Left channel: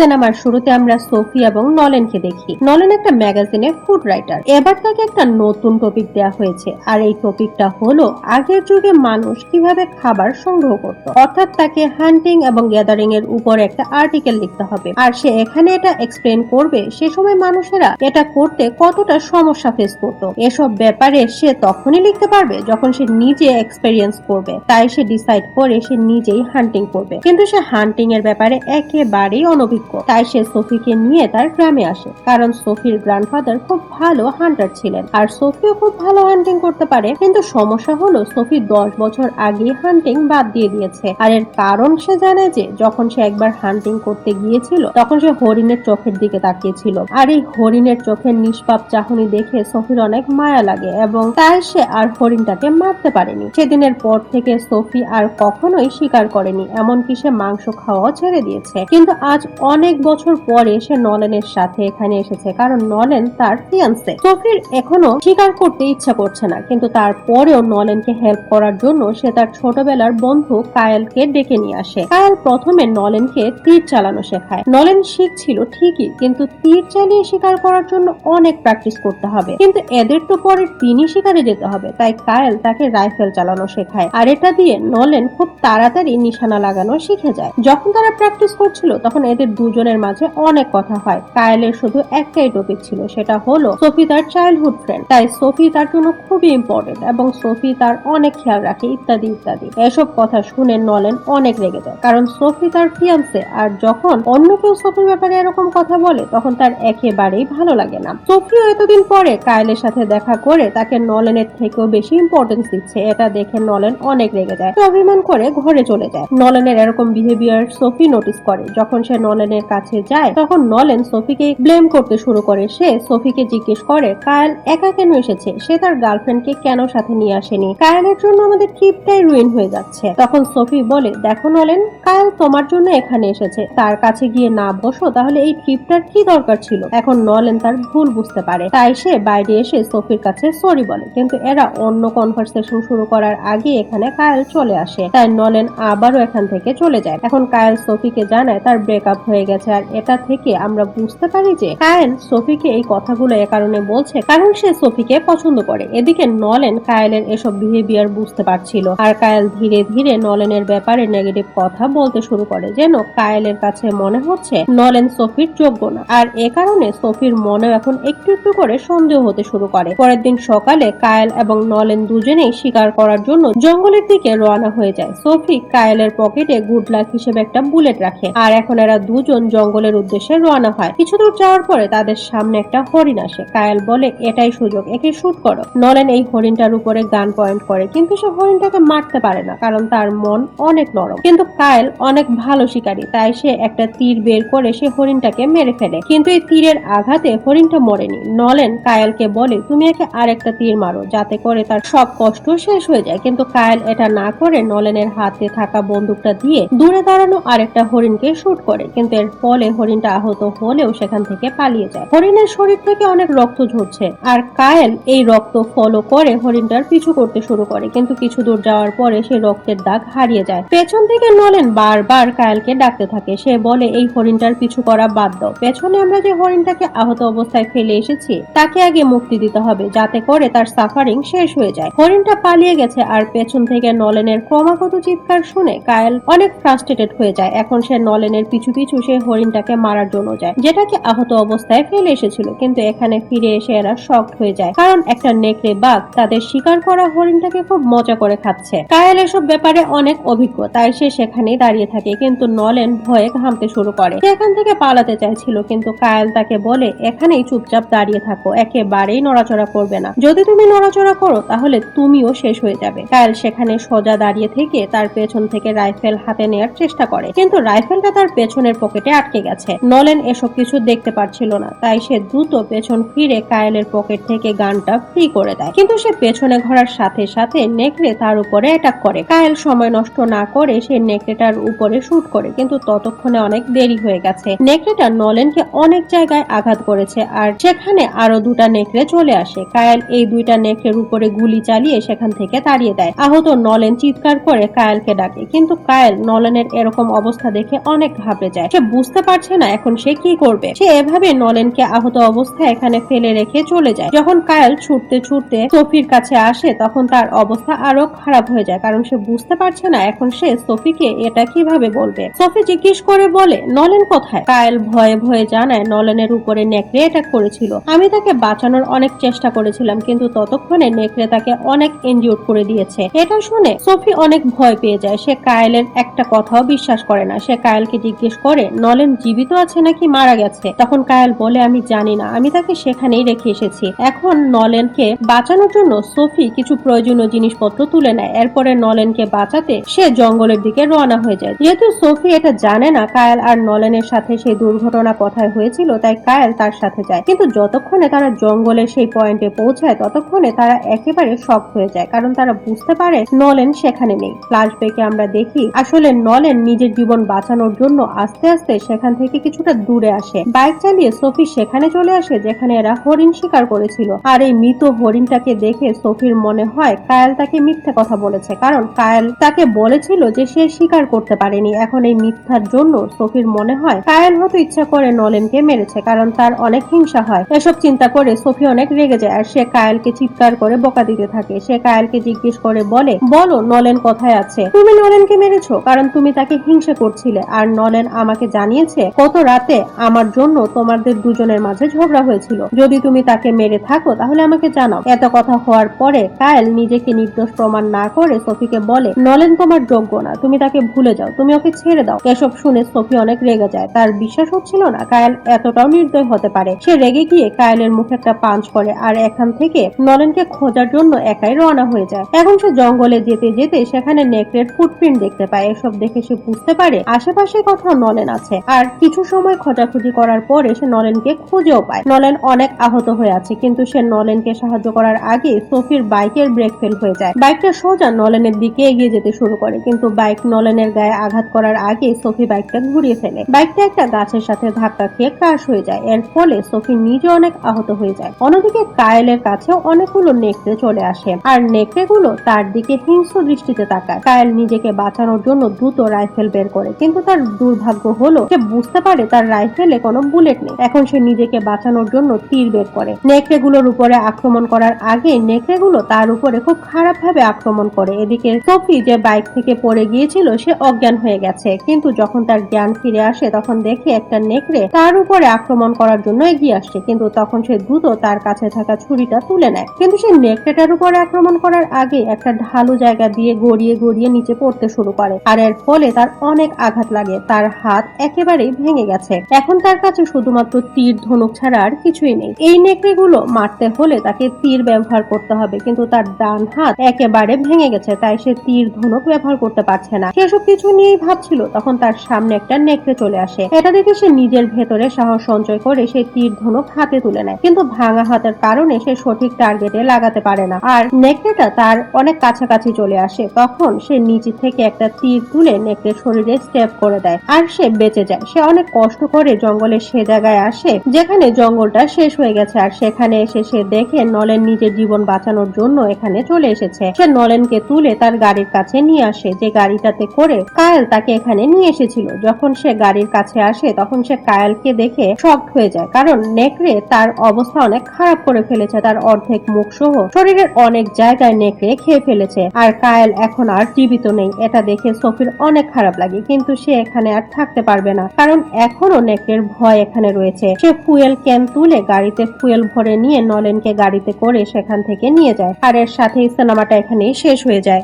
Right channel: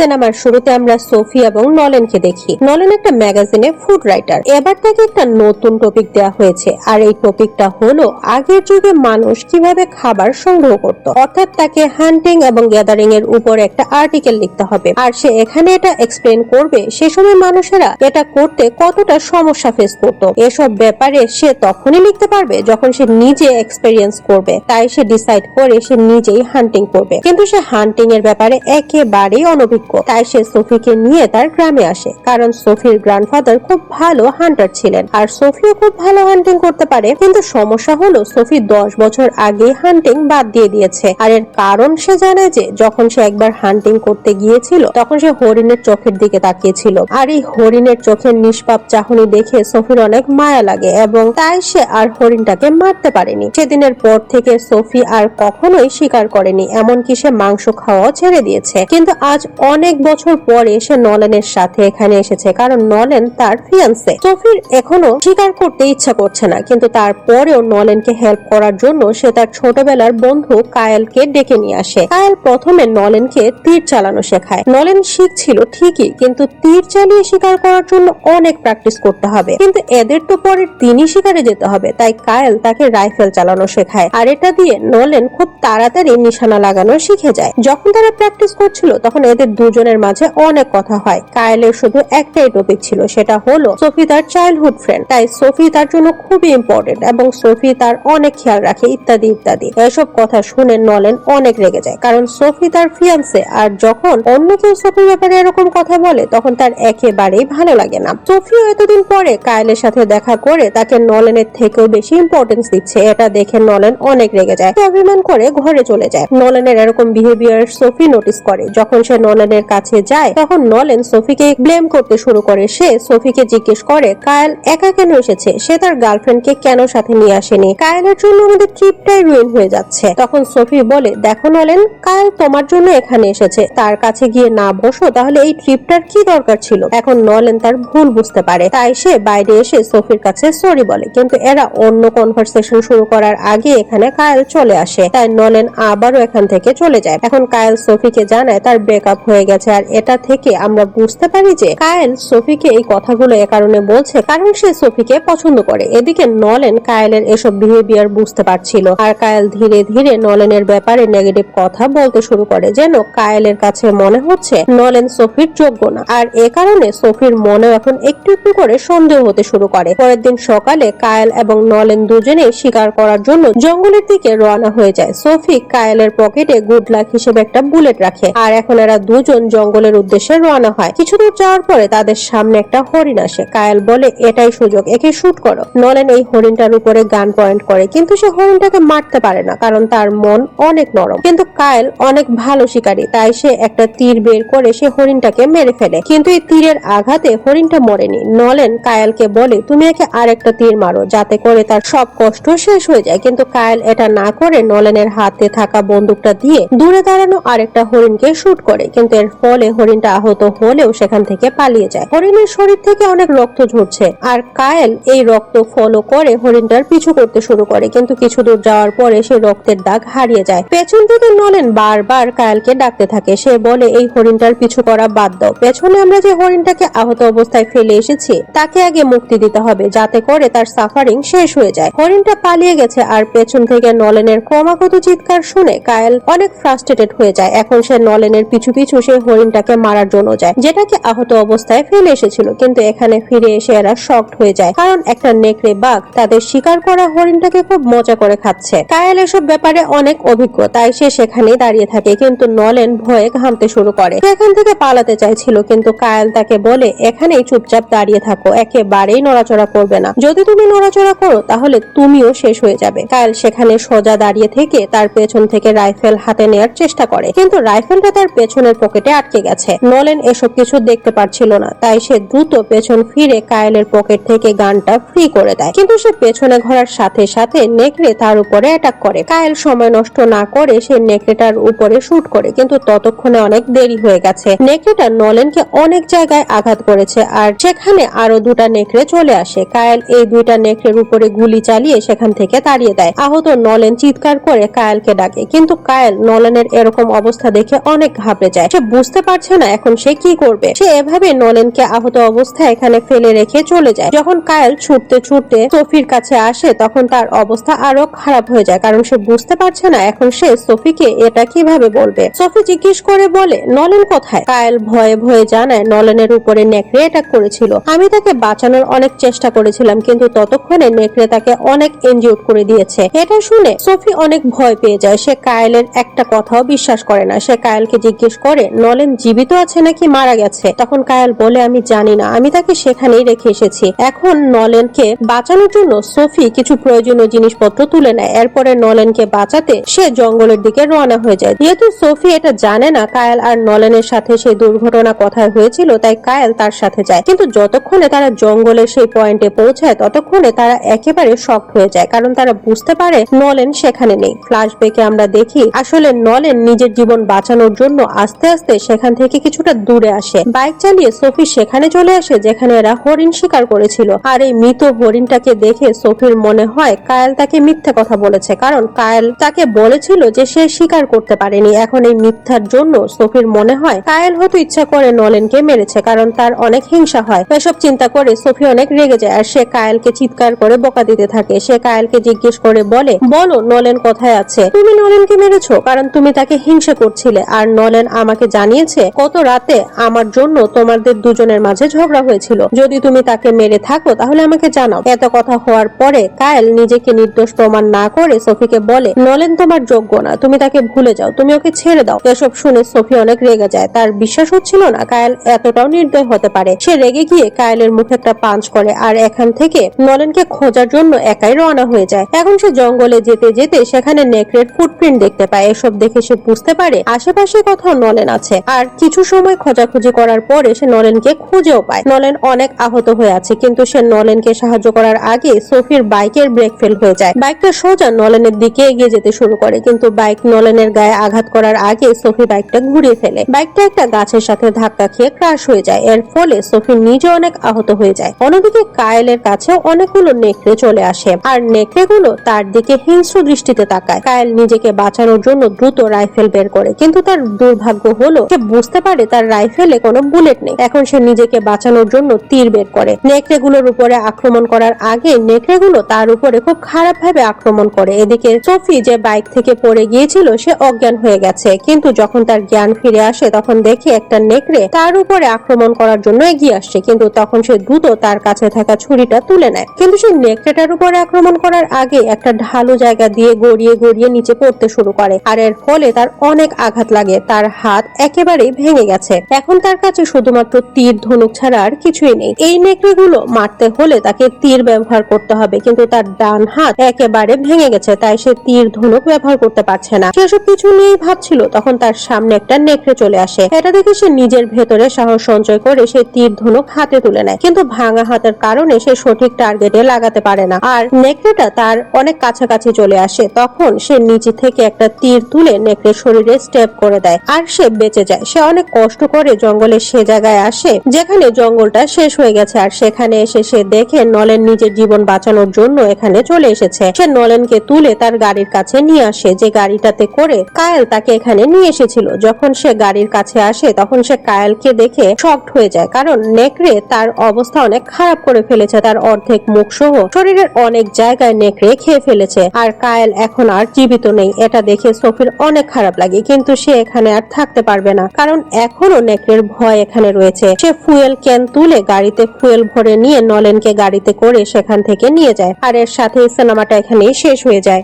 সিনেমার শুরুতে আমরা সোফি এবং নলেনকে দেখি। নলেন একটা ম্যাগাজিনে ফুড রাইটার। এবার তাকে একটা নতুন টপিক দেওয়া হয়েছে, আর এই টপিকটা হলো আগের যুগে মানুষ কিভাবে খাবার সংগ্রহ করত। অর্থাৎ তাকে হান্টিং এবং গ্যাদারিং এর উপর একটা আর্টিকেল লিখতে হবে, আর সে এখানে এটা এক্সপ্লেন করবে সে সময় মানুষেরা এটা করতে কতটা সমস্যা ফেস করত। এসব ব্যাপারে সে তখনই লিখতে পারবে যখন সে নিজে এক্সপেরিয়েন্স করবে। তাই সে ডিসাইড করে সে নিজেই হান্টিং করবে, কিন্তু সে হান্টিং এর ব্যাপারে একেবারেই অনভিজ্ঞ। তাই সে সোফিকে নিয়ে তার গ্রামে আসে, কারণ সোফির গ্র্যান্ডফাদার খুব ভালো হান্টার ছিলেন, আর সোফিও খুব ভালো হান্টিং করতে পারে। কিন্তু সমস্যা হলো সোফি 10 বছর আগে হান্টিং বাদ দিয়ে দিয়েছে। আর এর কারণ সে জানে যে যখন সে একবার হান্টিং করতে গিয়েছিল তখন সে হরিণের চোখের দিকে তাকিয়েছিল, আর এই হরিণের চোখের নিষ্পাপ চাহনি দেখে সোফির অনেক মায়া লাগে এবং তাই সে আর হরিণটাকে মারতে পারেনি। সেদিনের পর থেকে সোফি আর কখনোই স্বীকার করেনি, এমনকি সে মাংস খাওয়াও ছেড়ে দিয়েছে। কিন্তু আজ অনেক বছর পরে সে নলেনের সাথে এখানে এসেছে, কারণ নলেন তার ফিয়ান্সে। সোফির এখনো স্বীকার করতে ইচ্ছা করছে না, কিন্তু তারপরেও নলেনকে হেল্প করার জন্য সে তার ছোটবেলার বন্ধু কায়েলকে ডেকে নিয়ে আসে। কায়েল প্রথমে নলেনকে তীর চালানো শেখায়। নলেন শিখছিল ঠিকই, কিন্তু তীর চালিয়ে শিকার করার জন্য অনেক প্র্যাকটিস করতে হবে, কিন্তু এদের তো পরের দিনই শিকারে যেতে হবে। তাই কায়েল তাকে রাইফেল চালানো শেখায়, আর এটা দিয়ে নলেন খুব তাড়াতাড়ি নিশানা লাগানো শিখে যায়। যখন তারা প্র্যাকটিস করছিল তখন এদের দুজনের মাঝে অনেক কথা হয়। কায়েলের শুধু একটাই টপিক ছিল, সেটা হলো সোফি তার চাইল্ডহুড ফ্রেন্ড, তাই সোফি তার জন্য খুবই ইম্পর্টেন্ট এবং সোফি তার অনেক খেয়াল রাখে, ইত্যাদি ইত্যাদি। এসব কথা শুনে নলেন অনেক রেগে যায়, কারণ সোফি তার ফিয়ান্সে, আর যখন অন্য কেউ সোফির ব্যাপারে এরকম কথা বলে তখন তার একেবারেই ভালো লাগে না। সোফিও এতদিন পরে কায়েলের সাথে দেখা করে তাকে নলেনের থেকেও বেশি ইম্পর্টেন্স দিচ্ছে, এটা দেখে নলেন অনেক রেগে যায়, অভিমান করে ঘরে চলে যায়। নলেনের এরকম বিহেভিয়ার সোফি নোটিস করে। যখন সে নলেনের কাছে যায় তখন নলেন সোফিকে ব্লেম করতে শুরু করে। সে সোফিকে জিজ্ঞেস করে কায়েল একা কেন এসেছে, সে তার গার্লফ্রেন্ডকে কেন সাথে নিয়ে আসেনি, কায়েলের জন্য আমাদের ট্রিপটাই রুইন হয়ে যাচ্ছে। তখন সোফি বলে, দেখো নলেন, কায়েল তোমার জন্য এখানে এসেছে, তার কাছে গিয়ে না বসো তাহলে এই ট্রিপটার কি দরকার ছিল। এখন নলেন তার ভুল বুঝতে পারে, তাই সে বাইরে এসে সোফির কাছে সরি বলে, কিন্তু এরা অন্য কনভারসেশন শুরু করার আগে এখানে কায়েল চলে আসে। তাই নলেন আবারও এখান থেকে চলে যায়। এখন কায়েল সোফিকে জানায় তার ব্রেকআপ হয়ে গেছে, আর এটা থেকে আমরা বুঝতে পারি যে কায়েল সোফিকে এই কথাগুলো এ কারণে বলছে কারণ সে সোফিকে পছন্দ করে। এদিকে নলেন কায়েলের এসব বিহেভিয়ার বুঝতে পারছিল, আর কায়েল ধীরে ধীরে নলেনের ব্যাপারে নেগেটিভ কথা বলতে শুরু করে, যেন কায়েলের কাছে মনে হচ্ছে নলেন সোফির যোগ্য না, আর এ কারণে সোফির মনেও এখন একটু একটু করে সন্দেহ হতে শুরু করে। পরের দিন সকালে কায়েল এবং নলেন দুজনেই শিকার করার জন্য জঙ্গলের দিকে রওনা হয়ে যায়। সোফি কায়েলের পকেটে গুড লাক হিসেবে একটা বুলেট রাখে, আর এখন এরা দুজন জঙ্গলের উদ্দেশ্যে রওনা হয়। কিছু দূর যাওয়ার পরে তাদের সামনে একটা হরিণ আসে। কায়েল বলে, এটাই সুযোগ, একে শুট করো। নলেন এই হরিণটার উপরে গান পয়েন্ট করে, কিন্তু সে হরিণটাকে মারতে পারে না, কারণ তার মন অনেক নরম। কিন্তু কায়েল অনেক ভালো শিকারী, তাই সে একটা তীর বের করে সে হরিণটাকে মেরে ফেলে, কিন্তু এই তীরের আঘাতে হরিণটা মরেনি। নলেন কায়েলকে বলে, তুমি একে আরেকটা তীর মারো, যাতে করে তার সব কষ্ট শেষ হয়ে যায়। কিন্তু কায়েল এটা না করে নলেনের হাতে থাকা বন্দুকটা দিয়ে দূরে দাঁড়ানো আরেকটা হরিণকে শুট করে, কিন্তু এর ফলে হরিণটা আহত হলেও সেখান থেকে পালিয়ে যায়। হরিণের শরীর থেকে অনেক রক্ত ঝরছে, আর কায়েল এই রক্ত ফলো করে হরিণটার পিছু করতে শুরু করে, কিন্তু কিছু দূর যাওয়ার পরে সে রক্তের দাগ হারিয়ে যায়। পেছন থেকে নলেন বারবার কায়েলকে ডাকতে থাকে। সে বলে, এই হরিণটার পিছু করা বাদ দাও, পেছনে আমরা যে হরিণটাকে আহত অবস্থায় ফেলে এসেছি তাকে আগে মুক্তি দিতে হবে, যাতে করে তার সাফারিং শেষ হয়ে যায়। হরিণটা পালিয়ে গেছে, আর পেছন থেকে নলেনের ক্রমাগত চিৎকার শুনে কায়েল অনেক ফ্রাস্ট্রেটেড হয়ে যায়। এখন সে নলেনের পিছু পিছু সে হরিণটাকে মারার জন্য যায়, যেটাকে আহত অবস্থায় ফেলে এসেছিল। কিন্তু এখানে ফিরে এসে এরা শকড হয়ে যায়, কারণ একটা নেকড়ে বাঘ তাদের শিকার করা হরিণটাকে খুব মজা করে খাচ্ছে। কায়েল এসব ব্যাপারে অনেক অভিজ্ঞ, তাই সে সেখানেই দাঁড়িয়ে থাকে, কিন্তু নলেন ভয়ে ঘামতে শুরু করে। এখান থেকে পালাতে চাইছিল, কিন্তু কায়েল তাকে বলে, এখানেই চুপচাপ দাঁড়িয়ে থাকো, একেবারেই নড়াচড়া করবে না, যদি তুমি নড়াচড়া করো তাহলে তুমিও শেষ হয়ে যাবে। কায়েল সেখানে সোজা দাঁড়িয়ে থেকে তার পেছন থেকে রাইফেল হাতে নেওয়ার চেষ্টা করে, কিন্তু রাইফেলটা তার পেছনের পকেটে আটকে গেছে। নলেন এসব কিছু দেখতে পারছিল না, তাই সে দ্রুত পেছন ফিরে কায়েলের পকেট থেকে গানটা ফ্রি করে দেয়, কিন্তু সে পেছনে ঘোরার সাথে সাথে নেকড়ে তার উপরে অ্যাটাক করে। কায়েল সময় নষ্ট না করে সে নেকড়েটার উপরে শুট করে, কিন্তু ততক্ষণে অনেক দেরি হয়ে গেছে। নেকড়েটা নলেনকে অনেক জায়গায় আঘাত করেছে, আর সেখানে আরো দুটা নেকড়ে চলে আসে। কায়েল এই দুইটা নেকড়ের উপরে গুলি চালিয়ে সেখান থেকে তাড়িয়ে দেয়। আহত নলেন চিৎকার করে কায়েলকে ডাকে, কিন্তু কায়েল নলেনের এরকম অবস্থা দেখে অনেক ঘাবড়ে যায়। সে বুঝতে পারছে না এখন সে কি করবে। সে এভাবে নলেনকে আহত অবস্থায় এখানে ফেলে রেখে চলে যায়। যখন কায়েল ছুটতে ছুটতে সোফির কাছে আসে তখন তার অবস্থা আরো খারাপ হয়ে যায়, কারণ সে বুঝতে পারছে না এখন সে সোফিকে এটা কিভাবে বলবে। সোফি জিজ্ঞেস করে বলে, নলেন কোথায়? কায়েল ভয়ে ভয়ে জানায়, নলেনের উপরে নেকড়ে অ্যাটাক করেছিল। আমি তাকে বাঁচানোর অনেক চেষ্টা করেছিলাম, কিন্তু ততক্ষণে নেকড়ে তাকে অনেক ইনজিউর করে দিয়েছে। এটা শুনে সোফি অনেক ভয় পেয়ে যায়। সে কায়েলের একটা কথাও বিশ্বাস করে না। সে কায়েলকে জিজ্ঞেস করে, নলেন জীবিত আছে নাকি মারা গেছে? তখন কায়েল বলে, আমি জানি না, আমি তাকে সেখানেই রেখে এসেছি। এখন নলেনকে বাঁচানোর জন্য সোফি কিছু প্রয়োজনীয় জিনিসপত্র তুলে নেয়। এরপরে নলেনকে বাঁচাতে সে জঙ্গলের দিকে রওনা হয়ে যায়। যেহেতু সোফি এটা জানে না কায়েল আর নলেনের সাথে সেই দুর্ঘটনা কোথায় হয়েছিল, তাই কায়েল তার সাথে যায়। কিন্তু যতক্ষণে তারা জঙ্গলের সেই পয়েন্টে পৌঁছায় ততক্ষণে তারা একেবারে শক হয়ে যায়, কারণ তারা বুঝতে পারে নলেন সেখানে নেই। ফ্ল্যাশব্যাকে আমরা দেখি আসলে নলেন নিজের জীবন বাঁচানোর জন্য আস্তে আস্তে সেখান থেকে কিছুটা দূরে আসে। বাইক চালিয়ে সোফি সেখানে চলে আসে যেখানে এরা হরিণ শিকার করেছিল। আর এই মৃত হরিণটাকে দেখে সোফির মনে হয় কায়েল তাকে মিথ্যা কথা বলেছে, কারণ কায়েল তাকে বলেছিল যে সে শিকার করতে পারেনি। এখন এই মিথ্যার জন্য সোফির মনে হয় কায়েল হয়তো ইচ্ছা করে নলেনকে মেরেছে, কারণ তার অনেক হিংসা হয়। এসব চিন্তা করে সোফি অনেক রেগে যায় আর সে কায়েলকে চিৎকার করে বকা দিতে থাকে। সে কায়েলকে জিজ্ঞেস করে বলে, বলো নলেন কোথায় আছে? তুমি নলেনকে মেরেছো কারণ তুমি তাকে হিংসা করছিলে, আর নলেন আমাকে জানিয়েছে গত রাতে আমার জন্য তোমাদের দুজনের মাঝে ঝগড়া হয়েছিল। যদি তুমি তাকে মেরে থাকো তাহলে আমাকে জানাও। এত কথা হওয়ার পরে কায়েল নিজেকে নির্দোষ প্রমাণ না করে সোফিকে বলে, নলেন তোমার যোগ্য না, তুমি তাকে ভুলে যাও, তুমি ওকে ছেড়ে দাও। এসব শুনে সোফি অনেক রেগে যায়। তার বিশ্বাস হচ্ছিল না কায়েল এতটাও নির্দয় হতে পারে। সে রেগে গিয়ে কায়েলের মুখে একটা পাঞ্চ করে আর এখান থেকে নলেনকে খোঁজার জন্য একাই রওনা হয়ে যায়। এখন সে জঙ্গলে যেতে যেতে সেখানে নেকড়ের ফুটপ্রিন্ট দেখতে পায়। এসব দেখে সে বুঝতে পারে আশেপাশে কোথাও নলেন আছে। আর কিছু সময় খোঁজাখুঁজি করার পরে সে নলেনকে খুঁজেও পায়। নলেন অনেক আহত হয়ে আছে, কিন্তু সে নলেনকে সাহায্য করার আগে সোফির বাইকের ব্রেক ফেল হয়ে যায়। বাইকটা সোজা নলেনের দিকে এগিয়ে যেতে শুরু করে, কিন্তু বাইক নলেনের গায়ে আঘাত করার আগে সোফি বাইকটা ঘুরিয়ে ফেলে। বাইকটা একটা গাছের সাথে ধাক্কা খেয়ে ক্রাশ হয়ে যায়। এর ফলে সোফি নিজে অনেক আহত হয়ে যায়। অন্যদিকে কায়েলের কাছে অনেকগুলো নেকড়ে চলে আসে আর নেকড়েগুলো তার দিকে হিংস্র দৃষ্টিতে তাকায়। কায়েল নিজেকে বাঁচানোর জন্য দ্রুত রাইফেল বের করে, কিন্তু তার দুর্ভাগ্য হলো সে বুঝতে পারে তার রাইফেলে কোনো বুলেট নেই। এখন সে নিজেকে বাঁচানোর জন্য তীর বের করে। নেকড়েগুলোর উপরে আক্রমণ করার আগে নেকড়েগুলো তার উপরে খুব খারাপ ভাবে আক্রমণ করে। এদিকে সোফি যে বাইক থেকে পড়ে গিয়েছিল সে অজ্ঞান হয়ে গেছে, কিন্তু যখন তার জ্ঞান ফিরে আসে তখন দেখে একটা নেকড়ে তার উপরে আক্রমণ করার জন্য এগিয়ে আসছে, কিন্তু তখন সে দ্রুত তার কাছে থাকা ছুরিটা তুলে নেয়। কিন্তু সে নেকড়েটার উপরে আক্রমণ করার আগে একটা ঢালু জায়গা দিয়ে গড়িয়ে গড়িয়ে নিচে পড়তে শুরু করে, আর এর ফলে তার অনেক আঘাত লাগে। তার হাত একেবারেই ভেঙে গেছে। এখন তার কাছে শুধুমাত্র তীর ধনুক ছাড়া আর কিছুই নেই। এই নেকড়েগুলো মারতে হলে তাকে তীর ব্যবহার করতে হবে, কিন্তু তার ডান হাত একেবারে ভেঙে গেছে, তাই সে তীর ধনুক ব্যবহার করতে পারছে না। সেসব কিছু নিয়েই ভাবছিল তখন তার সামনে একটা নেকড়ে চলে আসে। এটা দেখে সে নিজের ভেতরে সাহস সঞ্চয় করে সে তীর ধনুক হাতে তুলে নেয়, কিন্তু ভাঙা হাতের কারণে সে সঠিক টার্গেটে লাগাতে পারে না আর নেকড়েটা তার অনেক কাছাকাছি চলে আসে। তখন সে নিচে থেকে একটা তীর তুলে নেকড়ের শরীরে স্টেপ করে দেয় আর সে বেঁচে যায়। সে অনেক কষ্ট করে জঙ্গলের সে জায়গায় আসে যেখানে জঙ্গলটা শেষ হয়ে গেছে, আর সেখানে এসে সে দেখে নলেন নিজের জীবন বাঁচানোর জন্য এখানে চলে এসেছে। সে নলেনকে তুলে তার গাড়ির কাছে নিয়ে আসে, যে গাড়িটাতে করে কায়েল তাকে এখানে নিয়ে এসেছিল। যখন সে গাড়ির কাছে আসে তখন সে কায়েলকে দেখে শকড হয়ে যায়, কারণ নেকড়ে তার অবস্থা অনেক খারাপ করে ফেলেছে। তার অর্ধেক মুখ সহ শরীরের অনেক জায়গায় নেকড়ে খেয়ে ফেলেছে, আর কায়েল এখন আর জীবিত নেই। এটা দেখে সোফির অনেক খারাপ লাগে, কিন্তু সে এখানে আর থাকতে পারবে না, কারণ এখনো নেকড়ের ভয় এখানে রয়েছে। সে ফুয়েল ক্যান তুলে গাড়িতে ফুয়েল ভরে নিয়ে নলেনকে গাড়িতে করে সেখান থেকে নিয়ে যায়। আর এর সাথে সিনেমাটা এখানেই শেষ হয়ে যায়।